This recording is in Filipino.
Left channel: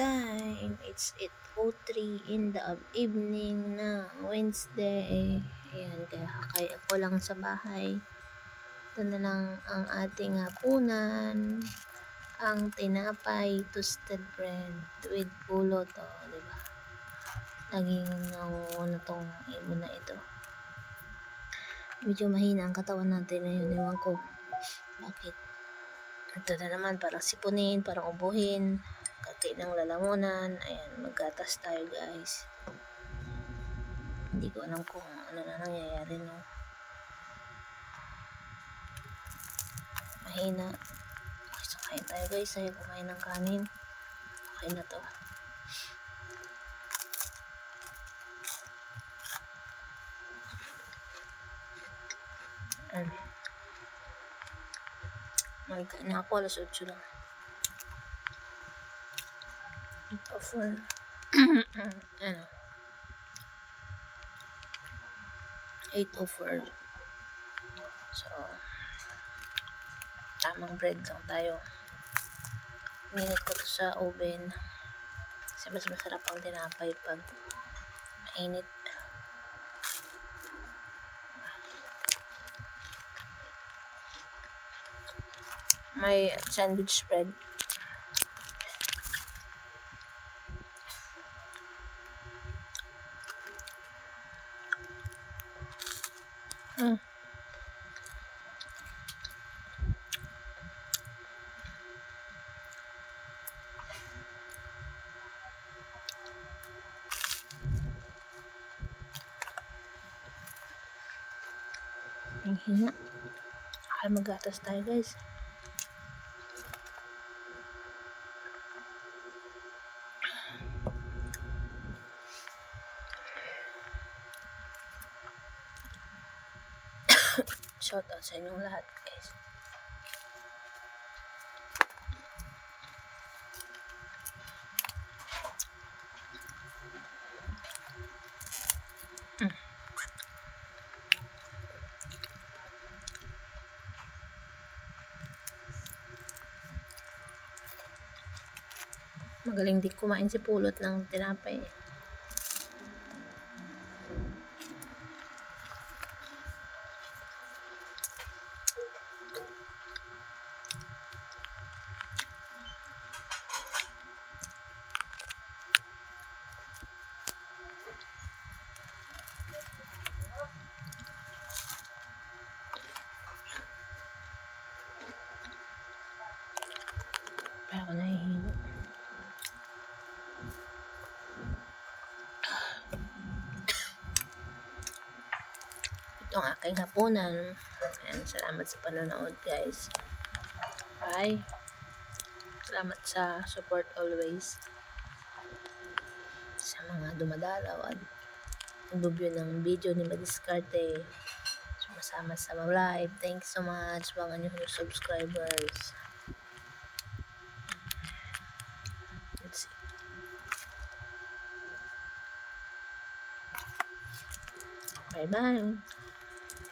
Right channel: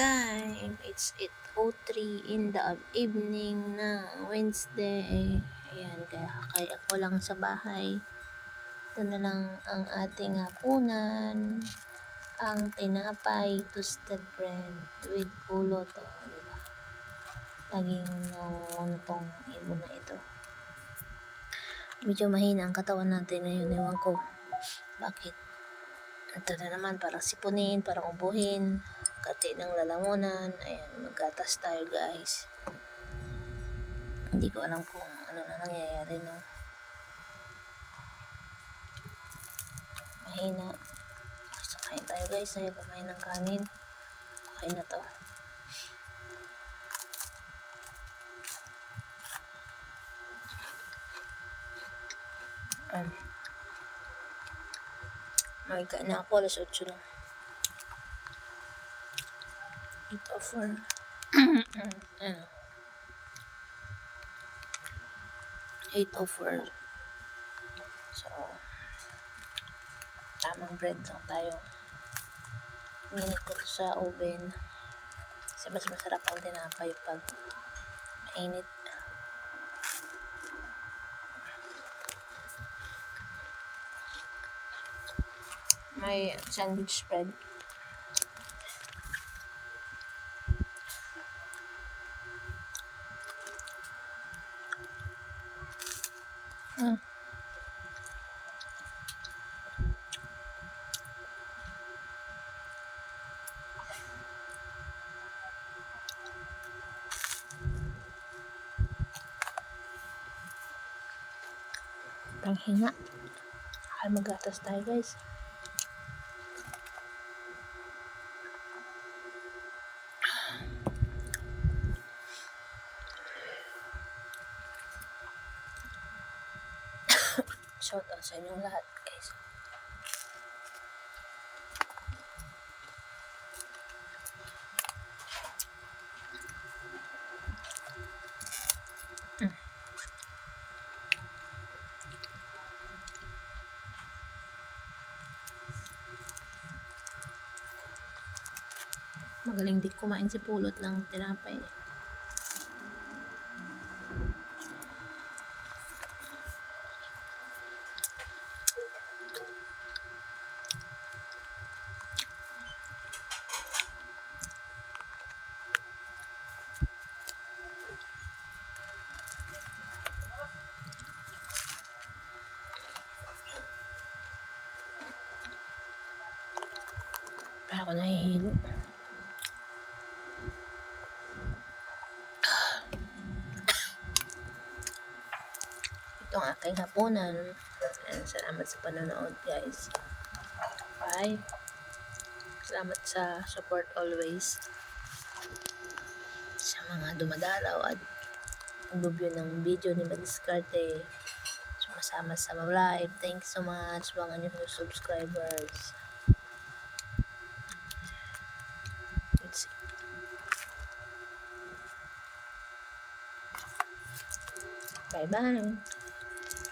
time. It's 8:03 in the evening na Wednesday. Ayan, kaya ako lang sa bahay. Ito na lang ang ating hapunan. Ang tinapay, toasted bread with pulot. Oh, diba? Laging nangunguno tong ibon na ito. Medyo mahina ang katawan natin ngayon. Ewan ko bakit. Ito na naman, parang sipunin, parang ubuhin. Kati ng lalamunan. Ayan, maggatas tayo guys. Hindi ko alam kung ano na nangyayari, no. Mahina. So, kain tayo guys. Ayaw kumain ng kanin. Okay na to. Magkain na ako, alas 8 lang. 8:04. Ano? 8:04. So, tamang bread lang tayo. Minute ko to sa oven. Kasi mas masarap ang tinapay pag mainit. May sandwich bread. Tanghina. Ay, magatas tayo guys. Shout out sa inyong lahat guys. Magaling din kumain si Pulot ng tinapay. Kaya ako nahihilo. Ito ang aking hapunan. And salamat sa panonood guys. Bye. Salamat sa support always. Sa mga dumadalaw at nag-view ng video ni Madiskarte. Sumasama sa live. Thanks so much mga new subscribers. Let's see. Bye-bye.